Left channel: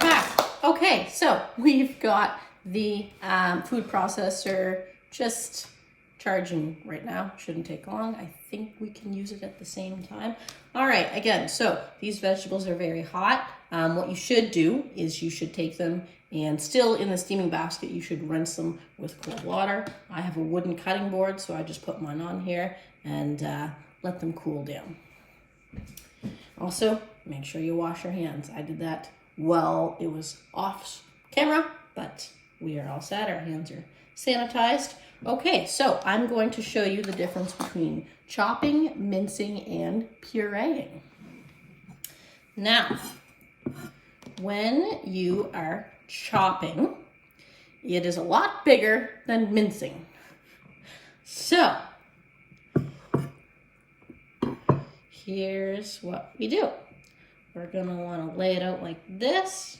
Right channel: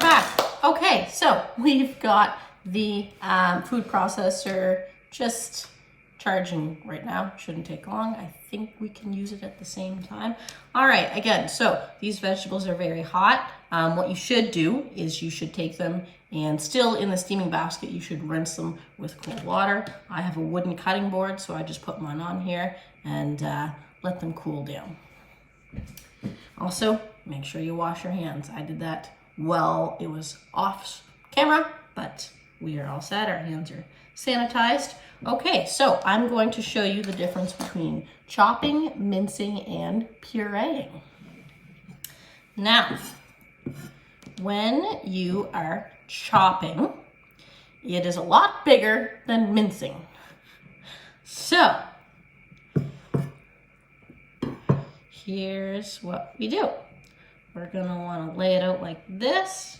back. Okay, so we've got the food processor just charging right now. Shouldn't take long. I think we can use it at the same time. All right, again, so these vegetables are very hot. What you should do is you should take them and still in the steaming basket, you should rinse them with cold water. I have a wooden cutting board, so I just put mine on here and let them cool down. Also, make sure you wash your hands. I did that while it was off camera, but we are all set. Our hands are sanitized. Okay, so I'm going to show you the difference between chopping, mincing, and pureeing. Now, when you are chopping, it is a lot bigger than mincing. So, here's what we do. We're gonna wanna lay it out like this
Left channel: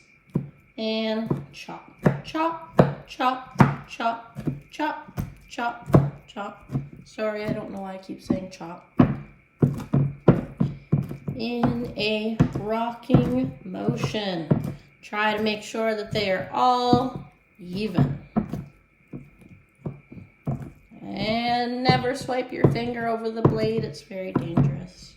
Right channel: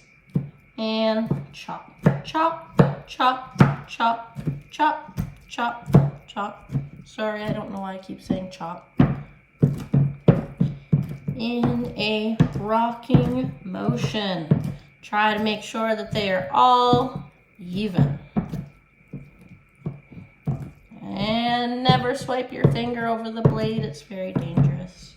and chop, chop, chop, chop, chop, chop, chop. Sorry, I don't know why I keep saying chop. In a rocking motion. Try to make sure that they are all even. And never swipe your finger over the blade, it's very dangerous.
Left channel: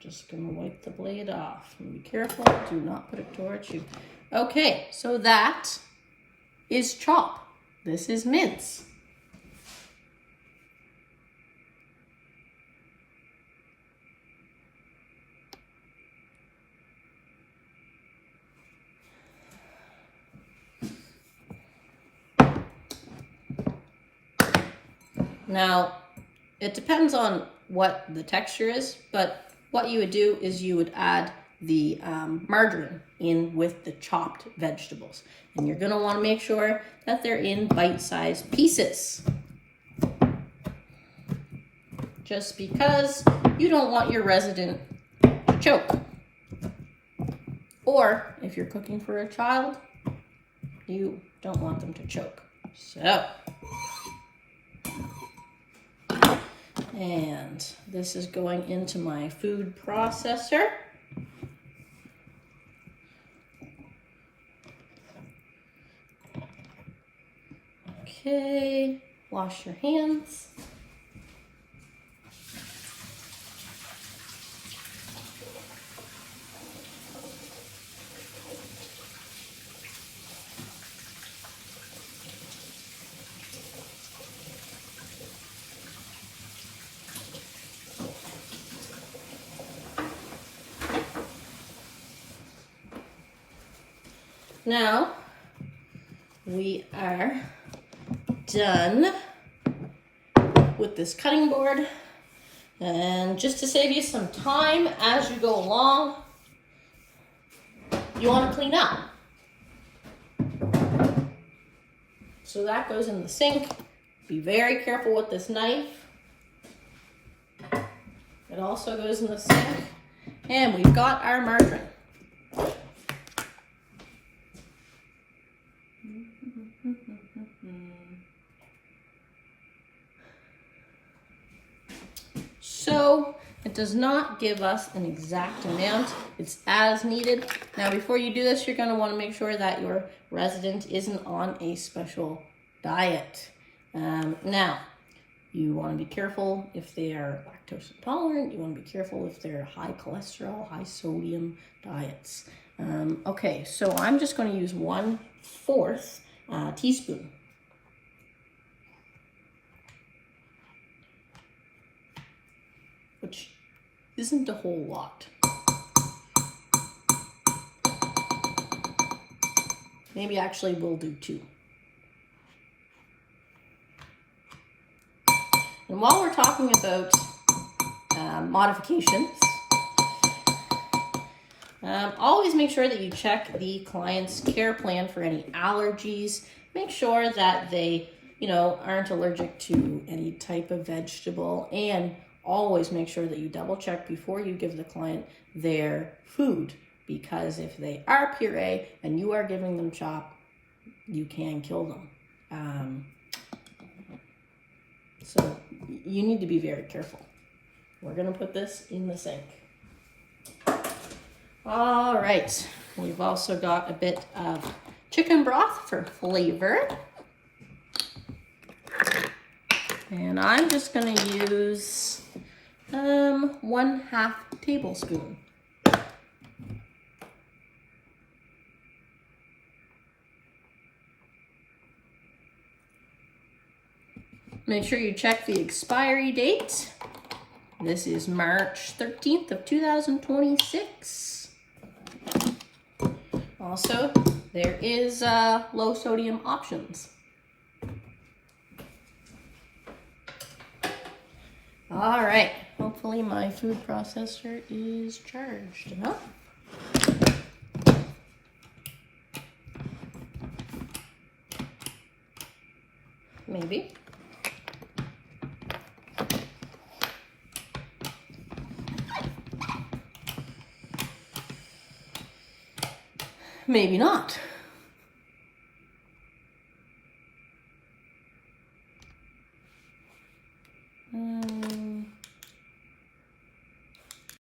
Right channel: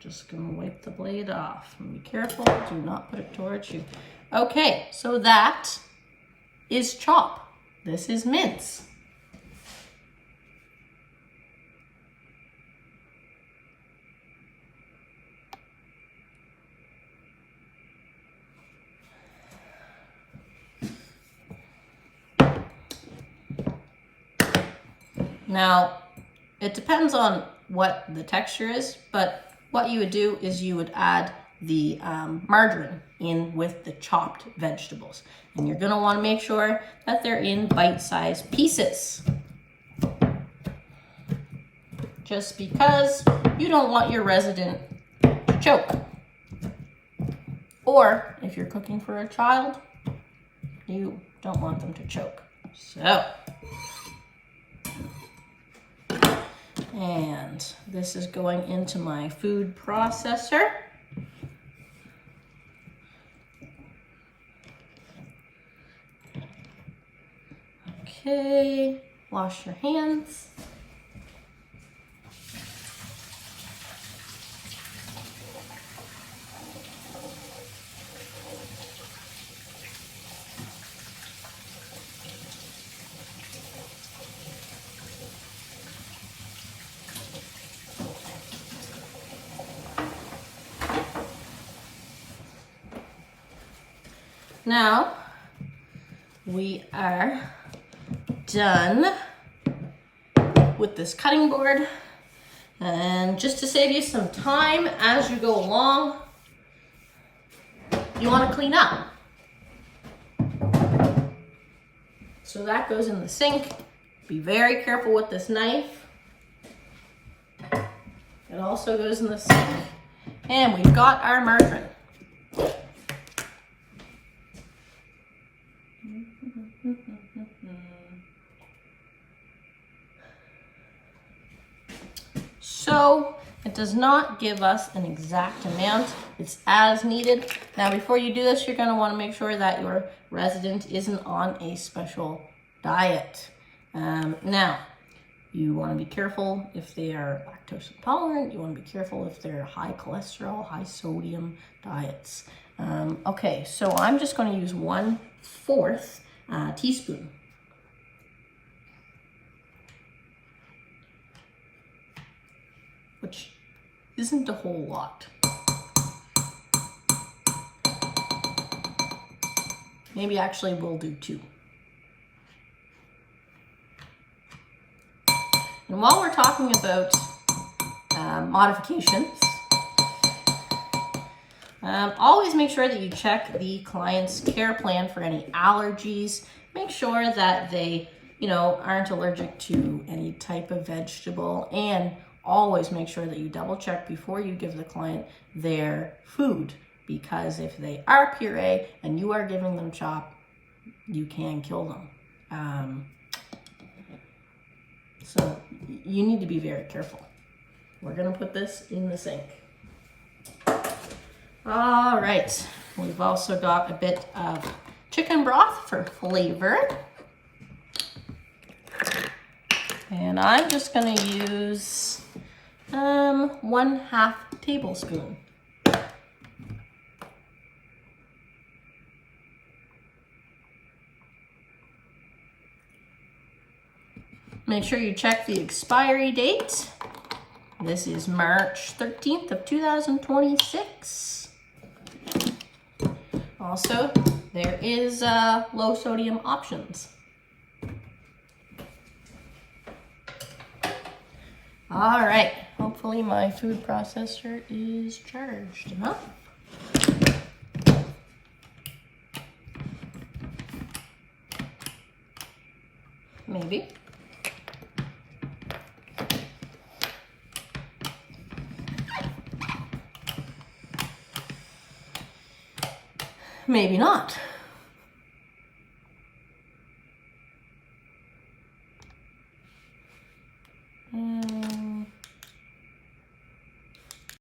Just gonna wipe the blade off. And be careful, do not put it towards you. Okay, so that is chop. This is mince. Now, it depends on what the texture is, but what you would do is you would add the margarine in with the chopped vegetables. And you're gonna wanna make sure that they're in bite-sized pieces. Just because you don't want your resident to choke. Or if you're cooking for a child, you don't want them to choke. So, and this is going into my food processor. Okay, wash your hands. Now, we are done with this cutting board. And just to save you some time as you go along, you want to clean up. So that goes in the sink. Be very careful with this knife. It also goes in the sink. And we've got our margarine. So it does not give us an exact amount. It's as needed. Now, before you do this, you're going to want to make sure that your resident isn't on a special diet. Now, you want to be careful if they are lactose intolerant. You want to be careful if they're high cholesterol, high sodium diets. Okay, so I'm just going to use 1/4 teaspoon. Which isn't a whole lot. Maybe actually we'll do 2. And while we're talking about modifications, always make sure that you check the client's care plan for any allergies. Make sure that they, aren't allergic to any type of vegetable, and always make sure that you double check before you give the client their food, because if they are puree and you are giving them chop, you can kill them. So you need to be very careful. We're gonna put this in the sink. All right, we've also got a bit of chicken broth for flavor. And I'm just gonna use 1/2 tablespoon. Make sure you check the expiry date. This is March 13th of 2026. Also, there is low sodium options. All right, hopefully my food processor is charged enough. Maybe. Maybe not.